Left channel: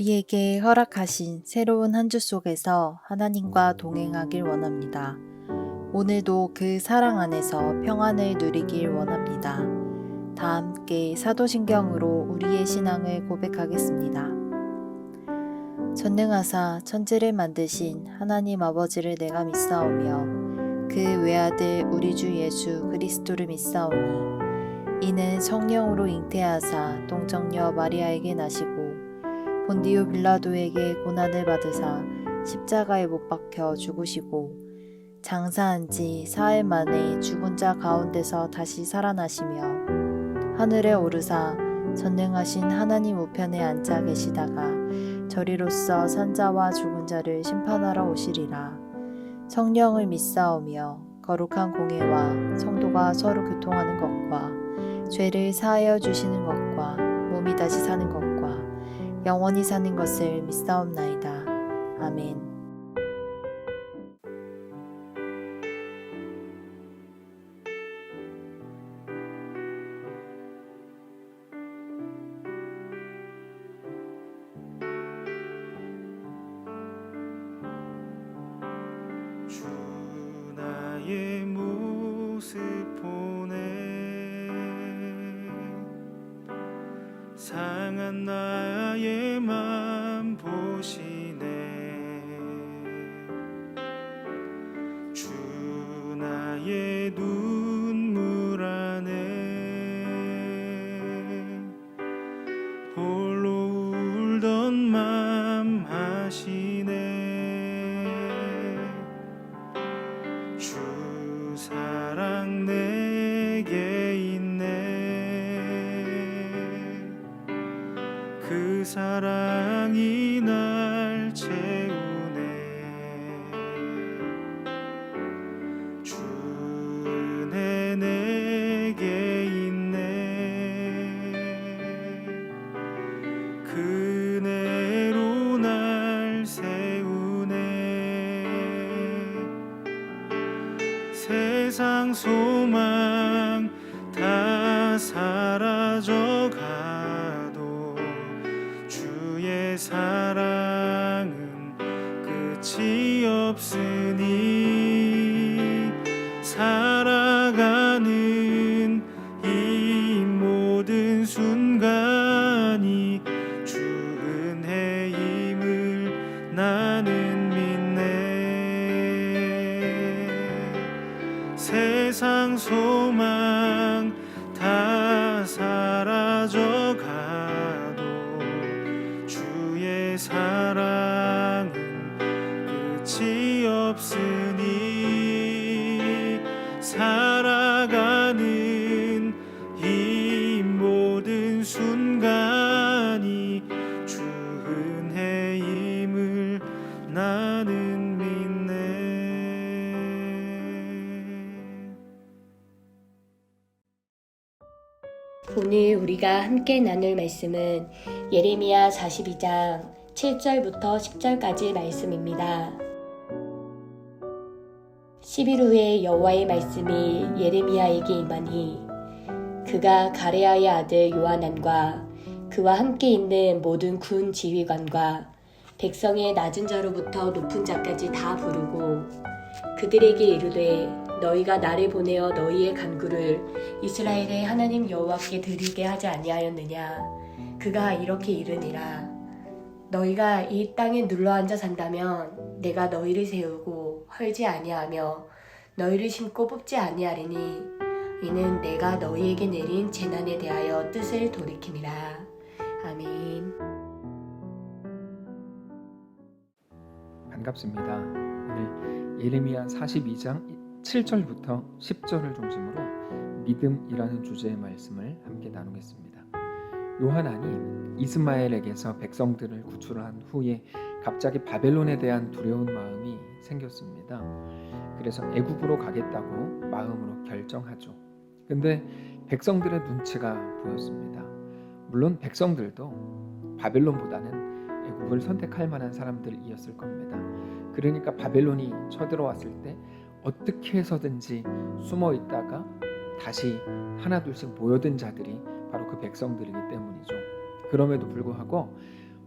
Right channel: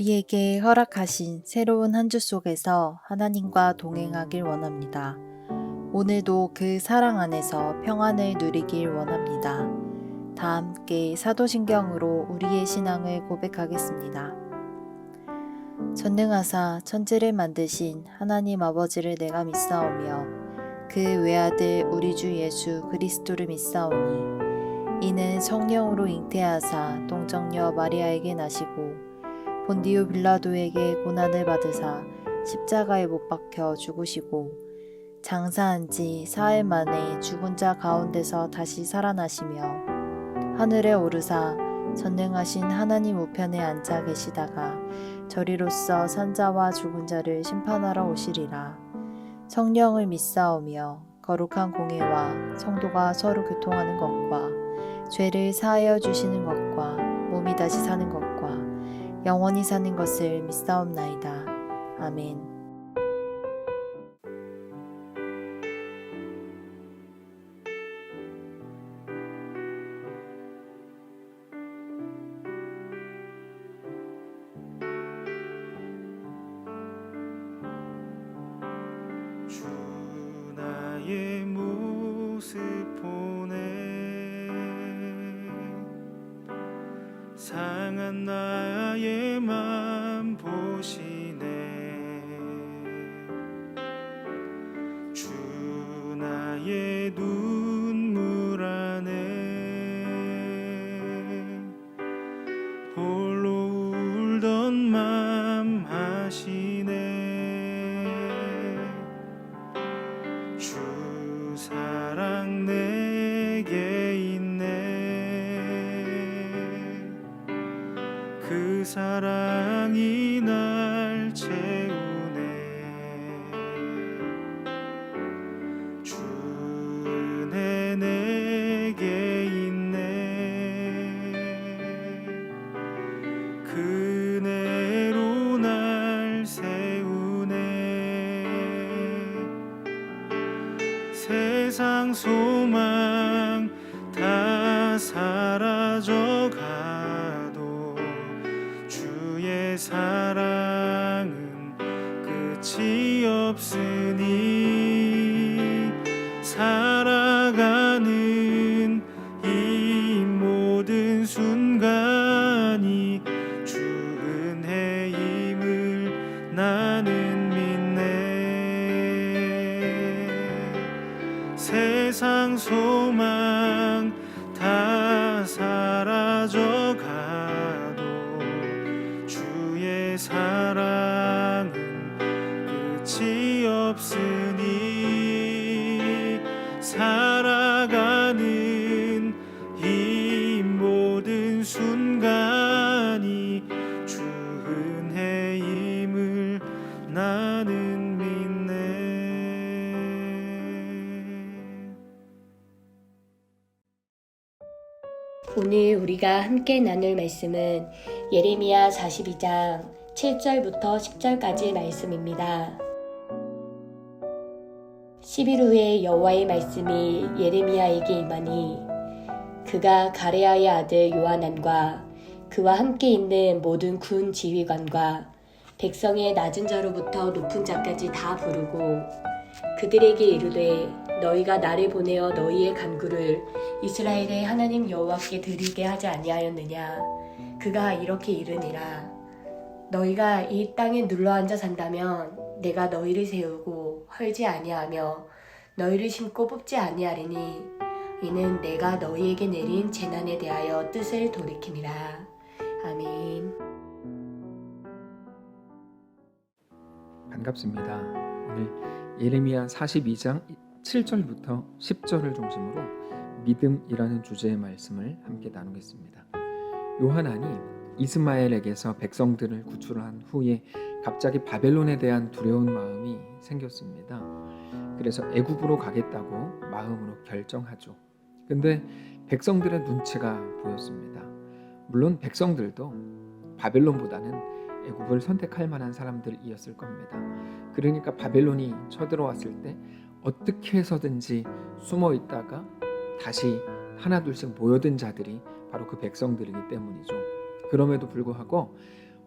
우리에게 허락하신 새로운 한 주 속에서 하나님과 동행하길 원합니다. 오늘도 그 사랑 안에서 평안을 누리길 원합니다. 다 함께 사도신경으로 우리의 신앙을 고백하겠습니다. 전능하사 천지를 만드신 하나님 아버지를 내가 믿사오며 그 외아들 우리 주 예수 그리스도를 믿사오니 이는 성령으로 잉태하사 동정녀 마리아에게 나시고 본디오 빌라도에게 고난을 받으사 십자가에 못 박혀 죽으시고 장사한 지 사흘 만에 죽은 자 가운데서 다시 살아나시며 하늘에 오르사 전능하신 하나님 우편에 앉아 계시다가 저리로서 산자와 죽은 자를 심판하러 오시리라. 성령을 믿사오며 거룩한 공예와 성도가 서로 교통하는 것과 죄를 사하여 주시는 것과 몸이 다시 사는 것과 영원히 사는 것을 믿사옵나이다. 아멘. 주 나의 모습 보네 상한 나의 맘 보시네 주 나의 눈물 안에 홀로 울던 맘 하시네 주 사랑 내게 있네 그 사랑이 날 채우네 주 은혜 내게 있네 그 은혜로 날 세우네 세상 소망 다 사라져가도 주의 사랑은 끝이 없으니 살아가는 이 모든 순간이 주 은혜임을 나는 믿네 세상 소망 다 사라져가도 주의 사랑은 끝이 없으니 살아가는 이 모든 순간이 주 은혜임을 나는 믿네. 오늘 우리가 함께 나눌 말씀은 예레미야 42장 7절부터 10절까지 말씀입니다. 10일 후에 여호와의 말씀이 예레미야에게 임하니 그가 가레아의 아들 요하난과 그와 함께 있는 모든 군 지휘관과 백성의 낮은 자로부터 높은 자까지 다 부르고 그들에게 이르되 너희가 나를 보내어 너희의 간구를 이스라엘의 하나님 여호와께 드리게 하지 아니하였느냐. 그가 이렇게 이르니라. 너희가 이 땅에 눌러앉아 산다면 내가 너희를 세우고 헐지 아니하며 너희를 심고 뽑지 아니하리니 이는 내가 너희에게 내린 재난에 대하여 뜻을 돌이킴이라. 아멘. 반갑습니다. 오늘 예레미야 42장 7절부터 10절을 중심으로 믿음이라는 주제의 말씀을 함께 나누겠습니다. 요하난이 이스마엘에게서 백성들을 구출한 후에 갑자기 바벨론에 대한 두려운 마음이 생겼습니다. 그래서 애굽으로 가겠다고 마음으로 결정하죠. 근데 백성들의 눈치가 보였습니다. 물론 백성들도 바벨론보다는 애굽을 선택할 만한 사람들이었을 겁니다. 그러니까 바벨론이 쳐들어왔을 때 어떻게 해서든지 숨어 있다가 다시 하나둘씩 모여든 자들이 바로 그 백성들이기 때문이죠. 그럼에도 불구하고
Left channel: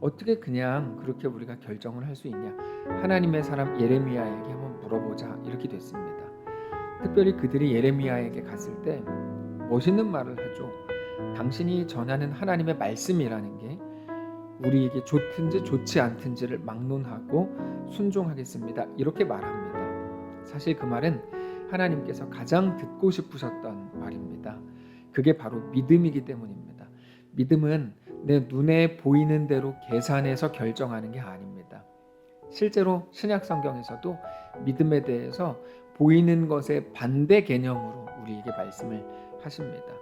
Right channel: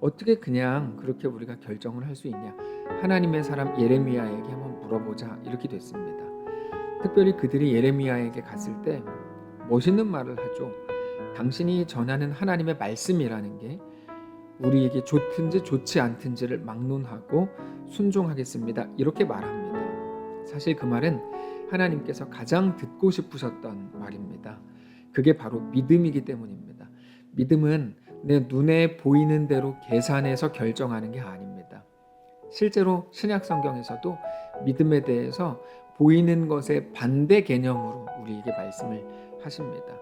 어떻게 그냥 그렇게 우리가 결정을 할 수 있냐? 하나님의 사람 예레미야에게 한번 물어보자 이렇게 됐습니다. 특별히 그들이 예레미야에게 갔을 때 멋있는 말을 하죠. 당신이 전하는 하나님의 말씀이라는 게 우리에게 좋든지 좋지 않든지를 막론하고 순종하겠습니다. 이렇게 말합니다. 사실 그 말은 하나님께서 가장 듣고 싶으셨던 말입니다. 그게 바로 믿음이기 때문입니다. 믿음은 내 눈에 보이는 대로 계산해서 결정하는 게 아닙니다. 실제로 신약 성경에서도 믿음에 대해서 보이는 것의 반대 개념으로 우리에게 말씀을 하십니다.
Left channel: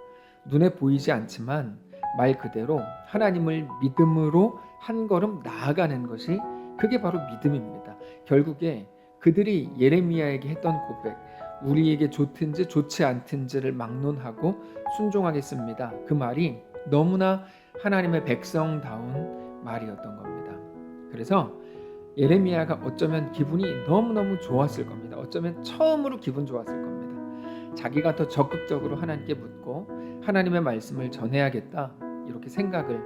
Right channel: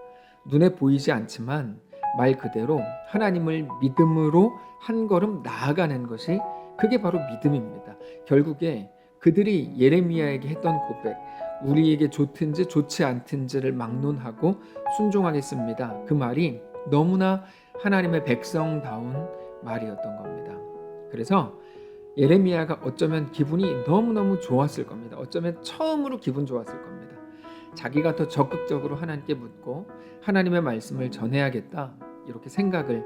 눈에 보이지 않지만 말 그대로 하나님을 믿음으로 한 걸음 나아가는 것이 그게 바로 믿음입니다. 결국에 그들이 예레미야에게 했던 고백, 우리에게 좋든지 좋지 않든지를 막론하고 순종하겠습니다. 그 말이 너무나 하나님의 백성다운 말이었던 겁니다. 그래서 예레미야가 어쩌면 기분이 너무너무 좋았을 겁니다. 어쩌면 처음으로 기분 좋았을 겁니다. 자기가 더 적극적으로 하나님께 묻고 하나님의 말씀을 전해야겠다 이렇게 생각을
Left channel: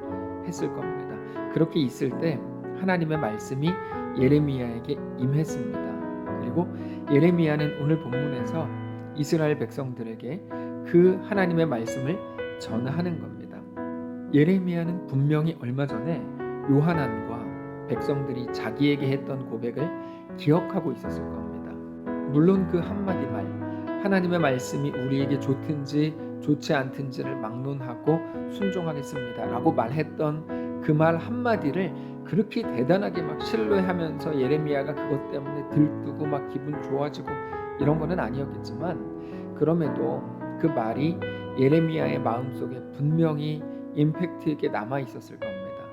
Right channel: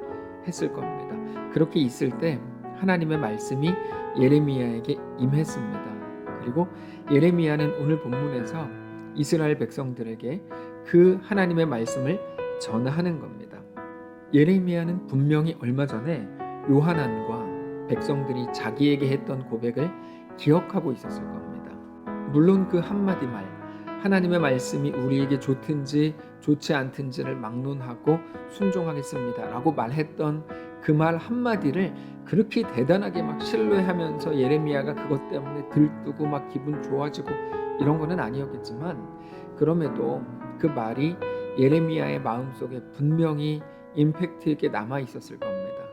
했을 겁니다. 그렇게 있을 때 하나님의 말씀이 예레미야에게 임했습니다. 그리고 예레미야는 오늘 본문에서 이스라엘 백성들에게 그 하나님의 말씀을 전하는 겁니다. 예레미야는 분명히 얼마 전에 요하난과 백성들이 자기에게 했던 고백을 기억하고 있었을 겁니다. 물론 그 한마디 말, 하나님의 말씀이 우리에게 좋든지 좋지 않든지를 막론하고 순종하겠습니다 라고 말했던 그 말 한마디를 그렇게 대단하게 막 신뢰하면서 예레미야가 그것 때문에 들뜨고 막 기분 좋아지고 이런 거는 아니었겠지만, 그럼에도 그 말이 예레미야의 마음속에 분명히 임팩트 있게 남아 있었을 겁니다.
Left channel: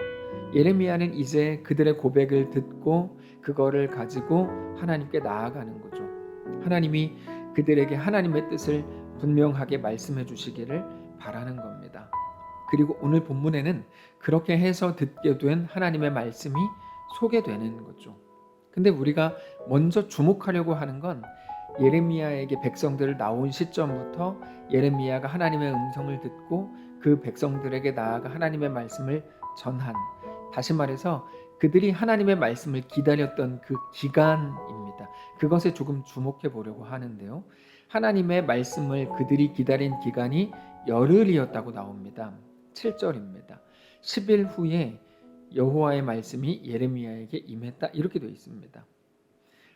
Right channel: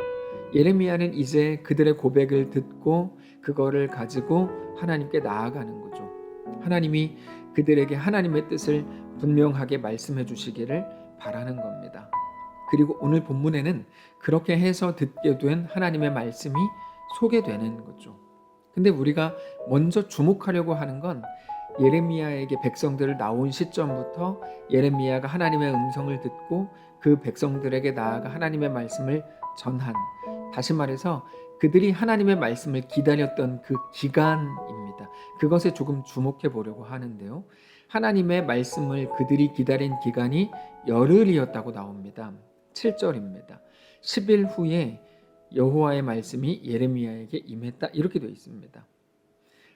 예레미야는 이제 그들의 고백을 듣고 그거를 가지고 하나님께 나아가는 거죠. 하나님이 그들에게 하나님의 뜻을 분명하게 말씀해 주시기를 바라는 겁니다. 그리고 오늘 본문에는 그렇게 해서 듣게 된 하나님의 말씀이 소개되는 거죠. 근데 우리가 먼저 주목하려고 하는 건 예레미야에게 백성들을 나온 시점부터 예레미야가 하나님의 음성을 듣고 그 백성들에게 나아가 하나님의 말씀을 전한, 다시 말해서 그들이 하나님의 말씀을 기다렸던 그 기간입니다. 그것에 조금 주목해 보려고 하는데요. 하나님의 말씀을 그들이 기다린 기간이 열흘이었다고 나옵니다. 7절입니다. 10일 후에 여호와의 말씀이 예레미야에게 임했다 이렇게 되어 있습니다.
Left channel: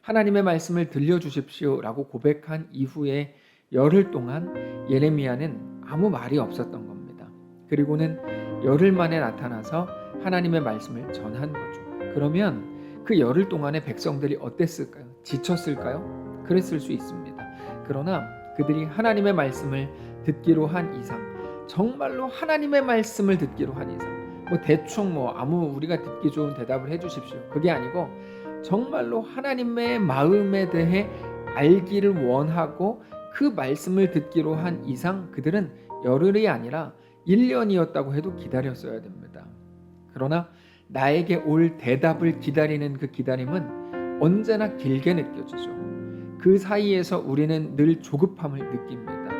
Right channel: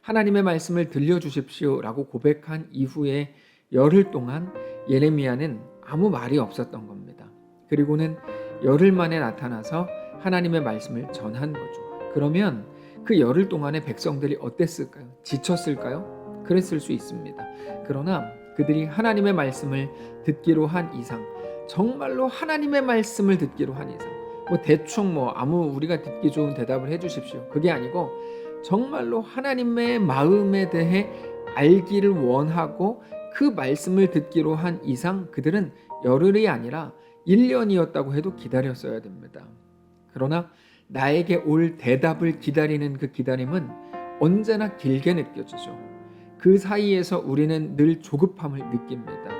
하나님의 말씀을 들려주십시오 라고 고백한 이후에 열흘 동안 예레미야는 아무 말이 없었던 겁니다. 그리고는 열흘 만에 나타나서 하나님의 말씀을 전한 거죠. 그러면 그 열흘 동안의 백성들이 어땠을까요? 지쳤을까요? 그랬을 수 있습니다. 그러나 그들이 하나님의 말씀을 듣기로 한 이상, 정말로 하나님의 말씀을 듣기로 한 이상, 대충 아무 우리가 듣기 좋은 대답을 해주십시오, 그게 아니고 정말로 하나님의 마음에 대해 알기를 원하고 그 말씀을 듣기로 한 이상 그들은 열흘이 아니라 1년이었다고 해도 기다렸어야 됩니다. 그러나 나에게 올 대답을 기다리는 그 기다림은 언제나 길게 느껴지죠. 그 사이에서 우리는 늘 조급함을 느낍니다.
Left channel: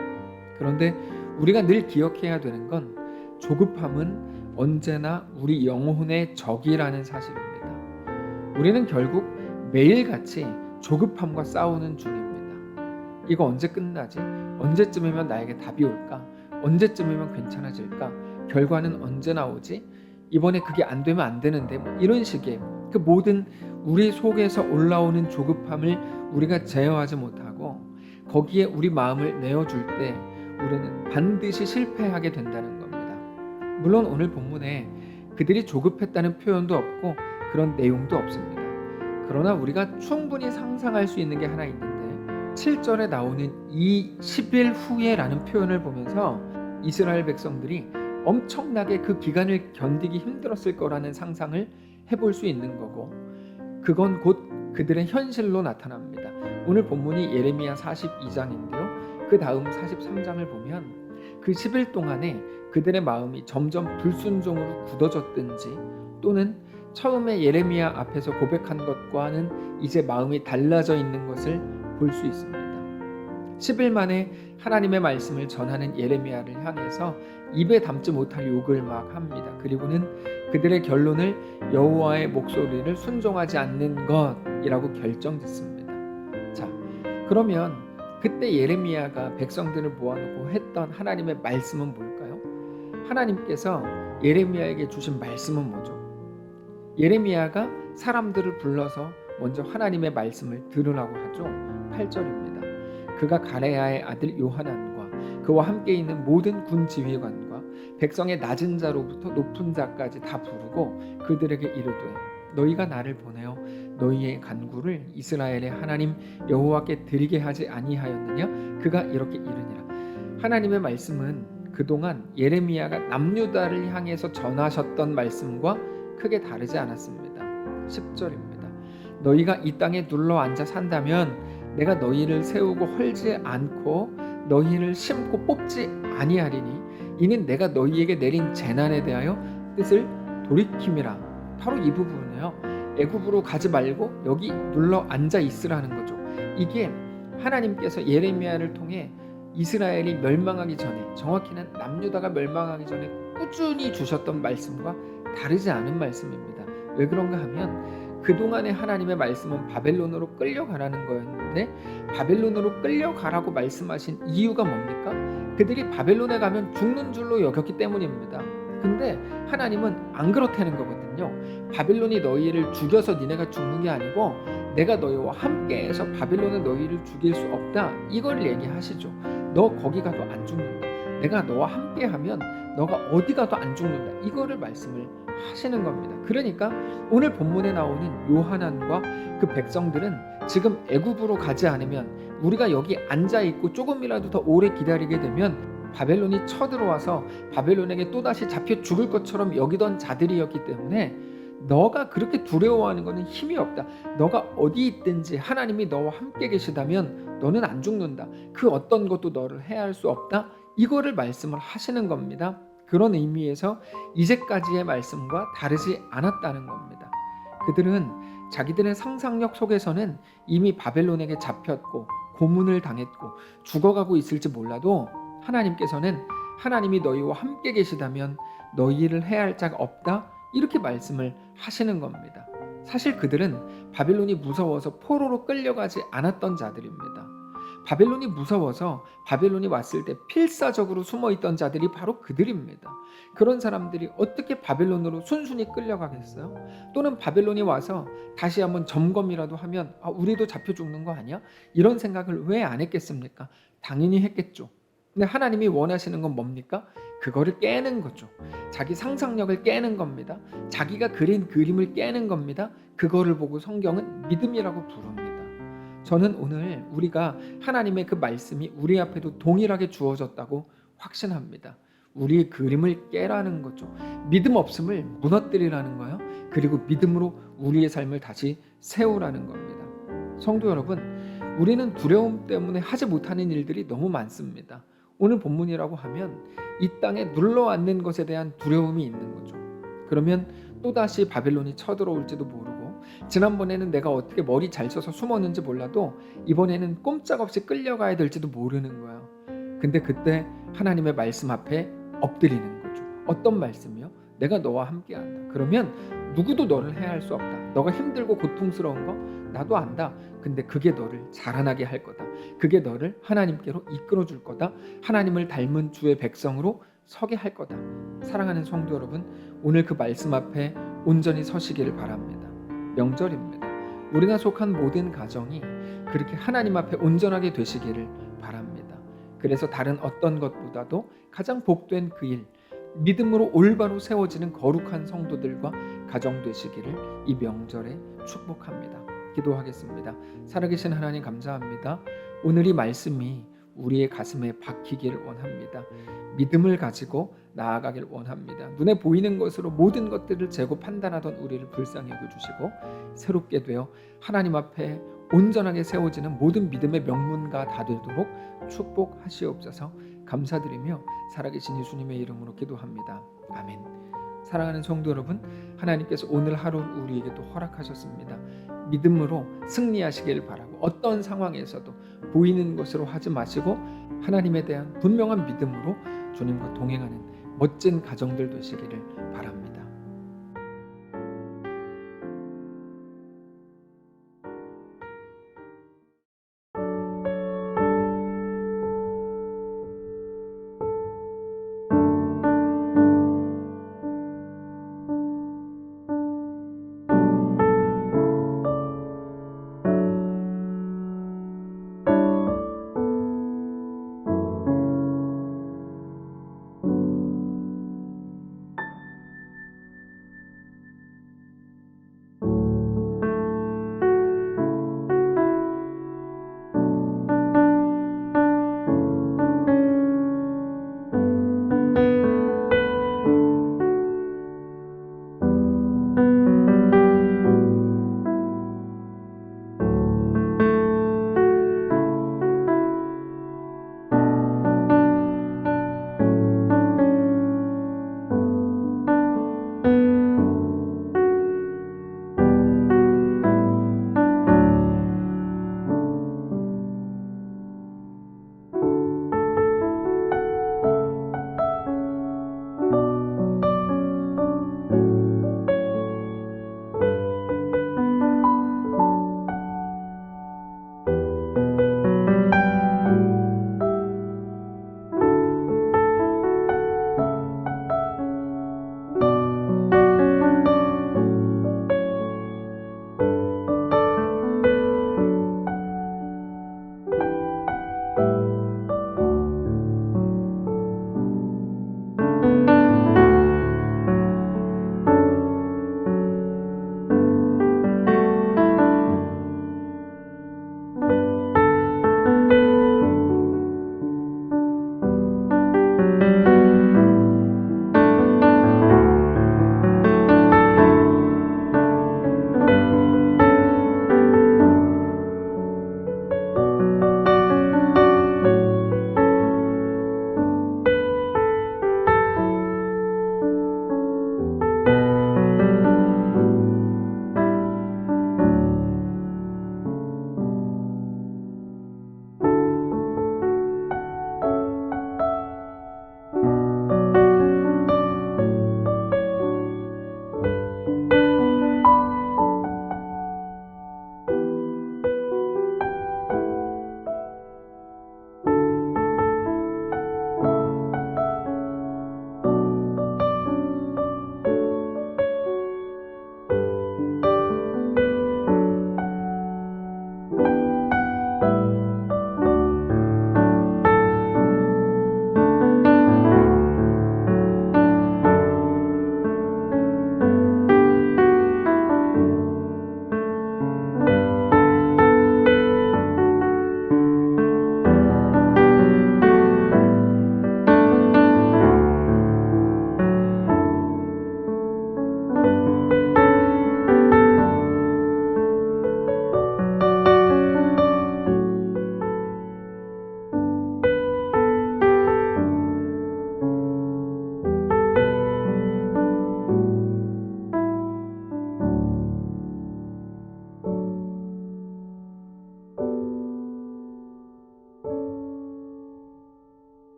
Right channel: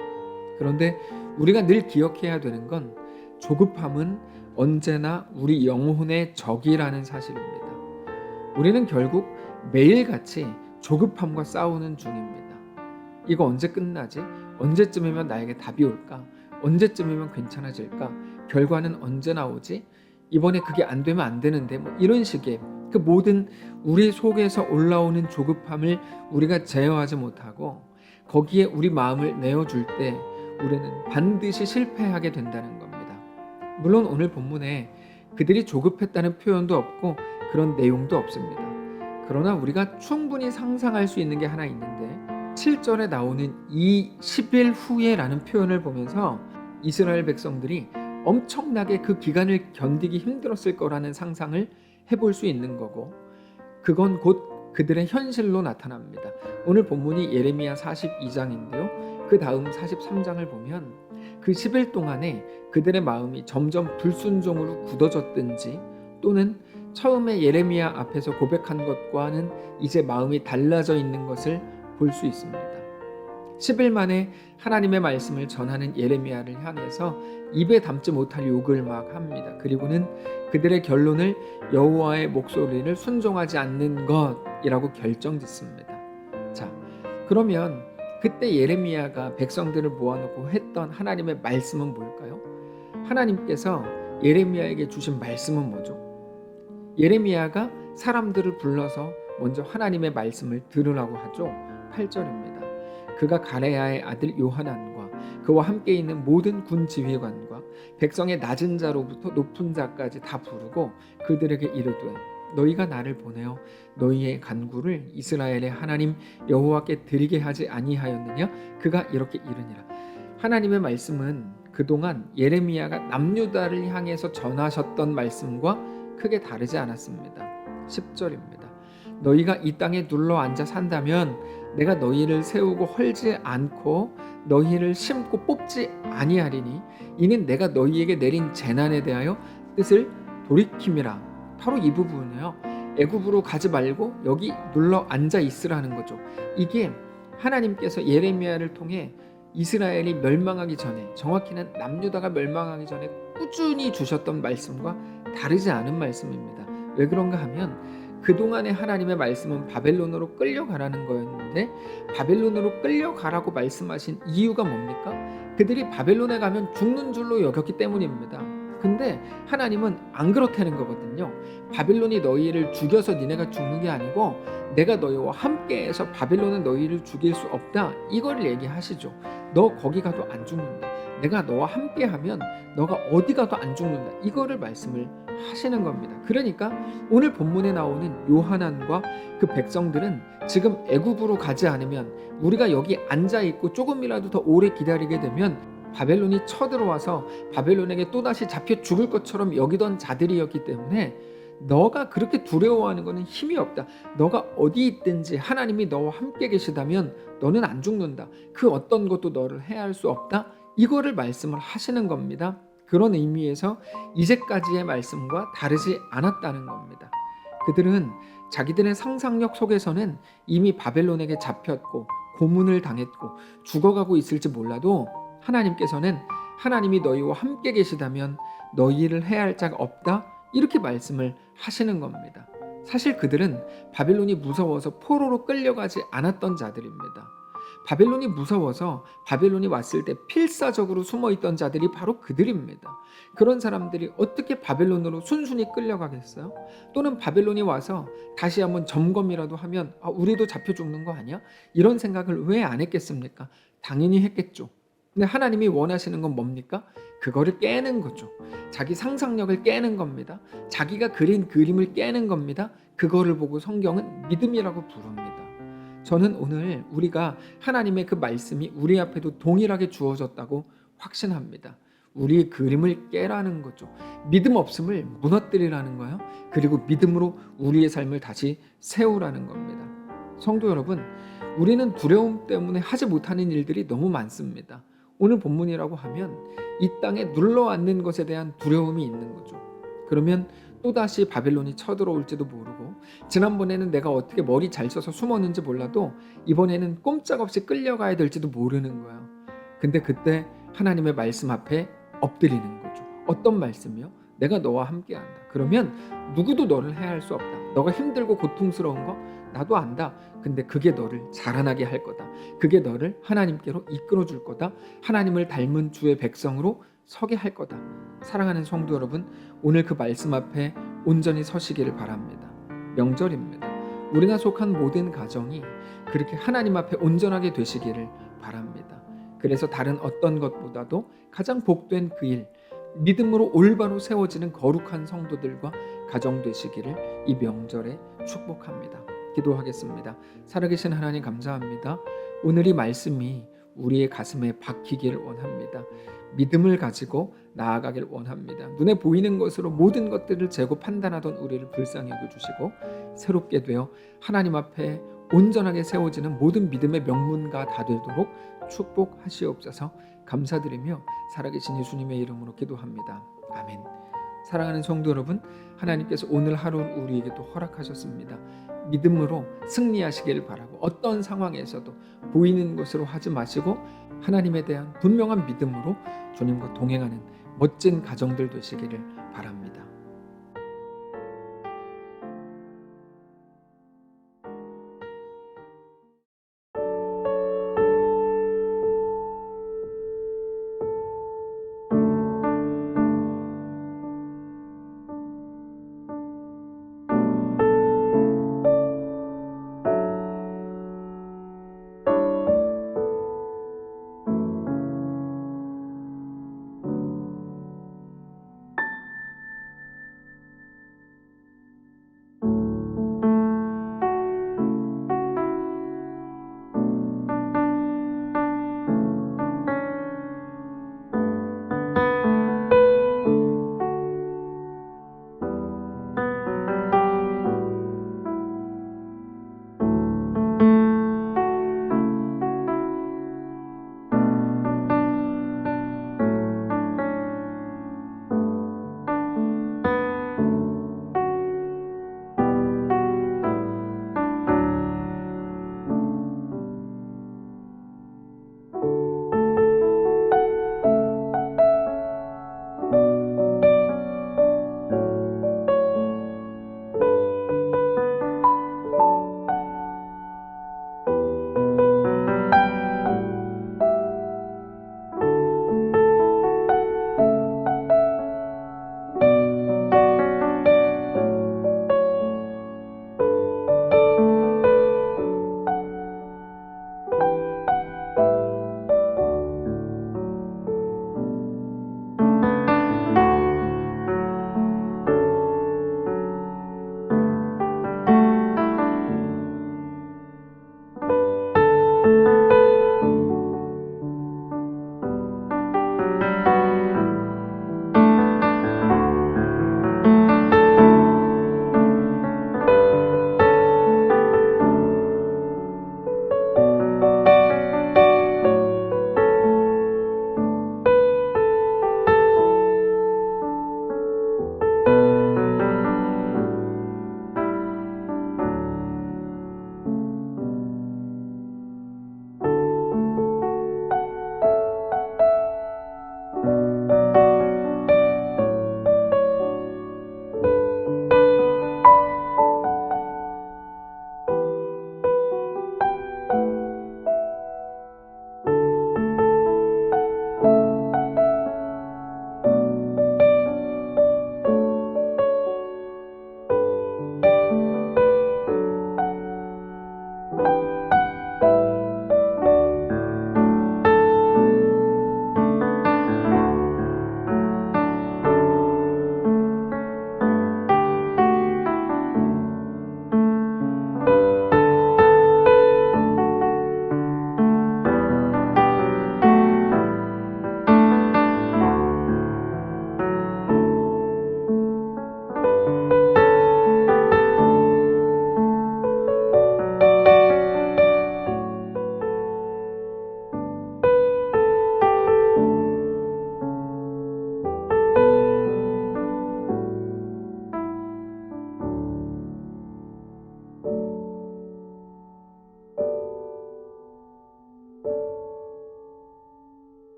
그런데 우리가 늘 기억해야 되는 건 조급함은 언제나 우리 영혼의 적이라는 사실입니다. 우리는 결국 매일같이 조급함과 싸우는 중입니다. 이거 언제 끝나지? 언제쯤이면 나에게 답이 올까? 언제쯤이면 괜찮아질까? 결과는 언제 나오지? 이번에 그게 안 되면 안 되는데 이런 식의 그 모든 우리 속에서 올라오는 조급함을 우리가 제어하지 못하고 거기에 우리 마음을 내어줄 때 우리는 반드시 실패하게 된다는 겁니다. 물론 오늘 본문에 그들이 조급했다는 표현도 없고 그런 내용도 없습니다. 그러나 우리가 충분히 상상할 수 있는 게 하나 있는데 7절에 나오는 이 10일 후에라는 표현을 보면서 이스라엘 백성들이 엄청나게 그 기간을 견디기 힘들었을 거라는 상상을 해볼 수 있는 거고, 그건 곧 그들의 현실로 나타납니다. 오늘 본문이 예레미야 42장인데요. 그 다음 43장을 보면 그 10일 동안에 그들의 마음이 점점 불순종으로 굳어졌든지 또는 처음에 예레미야 앞에서 고백한 것과는 이제 마음이 달라져 있는 것을 볼 수 있습니다. 10일 만에 하나님의 말씀을 전하는 예레미야를 향해서 입에 담지 못할 욕을 막 합니다. 그리고는 그들의 결론을 여호와의 목소리를 순종하지 않는 것이라고 결정짓습니다. 자, 그러면 그때 예레미야가 백성들을 모아놓고 했던 하나님의 말씀은 뭘까요? 하나님께서 예레미야에게 주신 말씀은 뭐죠? 예레미야가 사람들을 불러서 먼저 하나님의 말씀을 들으라고 하죠. 8절입니다. 그가 가레야의 아들 요하난과 그와 함께 있는 모든 군 지휘관과 백성의 낮은 자로부터 높은 자까지 다 부르고 그들에게 이르되 너희가 나를 보내어 너희의 간구를 이스라엘의 하나님 여호와께 드리게 하지 아니하였느냐? 그가 이렇게 이르니라. 하나님의 말씀은 그동안 예레미야가 남유다를 향해서 전하셨던 말씀과 크게 다르지 않았습니다. 10절입니다. 너희가 이 땅에 눌러 앉아 산다면 내가 너희를 세우고 헐지 않고 너희를 심고 뽑지 아니하리니 이는 내가 너희에게 내린 재난에 대하여 뜻을 돌이킴이라. 바로 이 부분이에요. 애굽으로 가지 말고 여기 눌러 앉아 있으라는 거죠. 이게 하나님께서 예레미야를 통해 이스라엘이 멸망하기 전에, 정확히는 남유다가 멸망하기 전에 꾸준히 주셨던 말씀과 다르지 않은 말씀입니다. 왜 그런가 하면 그동안의 하나님의 말씀은 바벨론으로 끌려가라는 거였는데 바벨론으로 끌려가라고 말씀하신 이유가 뭡니까? 그들이 바벨론에 가면 죽는 줄로 여겼기 때문입니다. 근데 하나님은 안 그렇다는 거거든요. 바벨론이 너희를 죽여서 니네가 죽는 게 아니고 내가 너희와 함께해서 바벨론은 너희를 죽일 수 없다. 이걸 얘기하시죠. 너 거기 가도 안 죽는다. 내가 너와 함께하면 너가 어디 가도 안 죽는다. 이거를 말씀을 하시는 겁니다. 그러니까 오늘 본문에 나오는 요하난과 그 백성들은 지금 애굽으로 가지 않으면 우리가 여기 앉아 있고 조금이라도 더 오래 기다리게 되면 바벨론이 쳐들어와서 바벨론에게 또다시 잡혀 죽을 것처럼 여기던 자들이었기 때문에 너가 그렇게 두려워하는 것은 힘이 없다. 너가 어디 있든지 하나님이 너와 함께 계시다면 너는 안 죽는다. 그 어떤 것도 너를 해할 수 없다. 이거를 말씀을 하시는 겁니다. 그런 의미에서 이제까지의 말씀과 다르지 않았다는 겁니다. 그들은 자기들의 상상력 속에서는 이미 바벨론에게 잡혔고 고문을 당했고 죽어가고 있을지 몰라도 하나님께서는 하나님이 너희와 함께 계시다면 너희를 해할 자가 없다. 이렇게 말씀을 하시는 겁니다. 사실 그들은 바벨론이 무서워서 포로로 끌려가지 않았던 자들입니다. 바벨론이 무서워서 바벨론이 왔을 때 필사적으로 숨어있던 자들이 바로 그들입니다. 그런 사람들이 어떻게 바벨론으로 순순히 끌려가겠어요? 또는 바벨론이 와서 다시 한번 점검이라도 하면 우리도 잡혀 죽는 거 아니야? 이런 생각을 왜 안 했겠습니까? 당연히 했겠죠. 근데 하나님이 원하시는 건 뭡니까? 그거를 깨는 거죠. 자기 상상력을 깨는 겁니다. 자기가 그린 그림을 깨는 겁니다. 그거를 보고 성경은 믿음이라고 부릅니다. 저는 오늘 우리가 하나님의 그 말씀이 우리 앞에도 동일하게 주어졌다고 확신합니다. 우리의 그림을 깨라는 거죠. 믿음 없음을 무너뜨리라는 거예요. 그리고 믿음으로 우리의 삶을 다시 세우라는 겁니다. 성도 여러분, 우리는 두려움 때문에 하지 못하는 일들이 너무 많습니다. 오늘 본문이라고 하면 이 땅에 눌러앉는 것에 대한 두려움이 있는 거죠. 그러면 또다시 바벨론이 쳐들어올지도 모르고 지난번에는 내가 어떻게 머리 잘 써서 숨었는지 몰라도 이번에는 꼼짝없이 끌려가야 될지도 모르는 거예요. 근데 그때 하나님의 말씀 앞에 엎드리는 거죠. 어떤 말씀이요? 내가 너와 함께한다. 그러면 누구도 너를 해할 수 없다. 너가 힘들고 고통스러운 거 나도 안다. 근데 그게 너를 자라나게 할 거다. 그게 너를 하나님께로 이끌어 줄 거다. 하나님을 닮은 주의 백성으로 서게 할 거다. 사랑하는 성도 여러분, 오늘 그 말씀 앞에 온전히 서시기를 바랍니다. 명절입니다. 우리가 속한 모든 가정이 그렇게 하나님 앞에 온전하게 되시기를 바랍니다. 그래서 다른 어떤 것보다도 가장 복된 그 일, 믿음으로 올바로 세워지는 거룩한 성도들과 가정 되시기를 이 명절에 축복합니다. 기도하겠습니다. 살아계신 하나님 감사합니다. 오늘 이 말씀이 우리의 가슴에 박히기를 원합니다. 믿음을 가지고 나아가길 원합니다. 눈에 보이는 것으로 모든 것들을 재고 판단하던 우리를 불쌍히 여겨주시고 새롭게 되어 하나님 앞에 온전하게 세워지는 모든 믿음의 명문가 다 되도록 축복하시옵소서. 감사드리며 살아계신 예수님의 이름으로 기도합니다. 아멘. 사랑하는 성도 여러분, 하나님께서 오늘 하루를 우리에게 또 허락하셨습니다. 믿음으로 승리하시길 바라고 어떤 상황에서도 보이는 것으로 하지 마시고 하나님에 대한 분명한 믿음으로 주님과 동행하는 멋진 가정들 되시기를 바랍니다.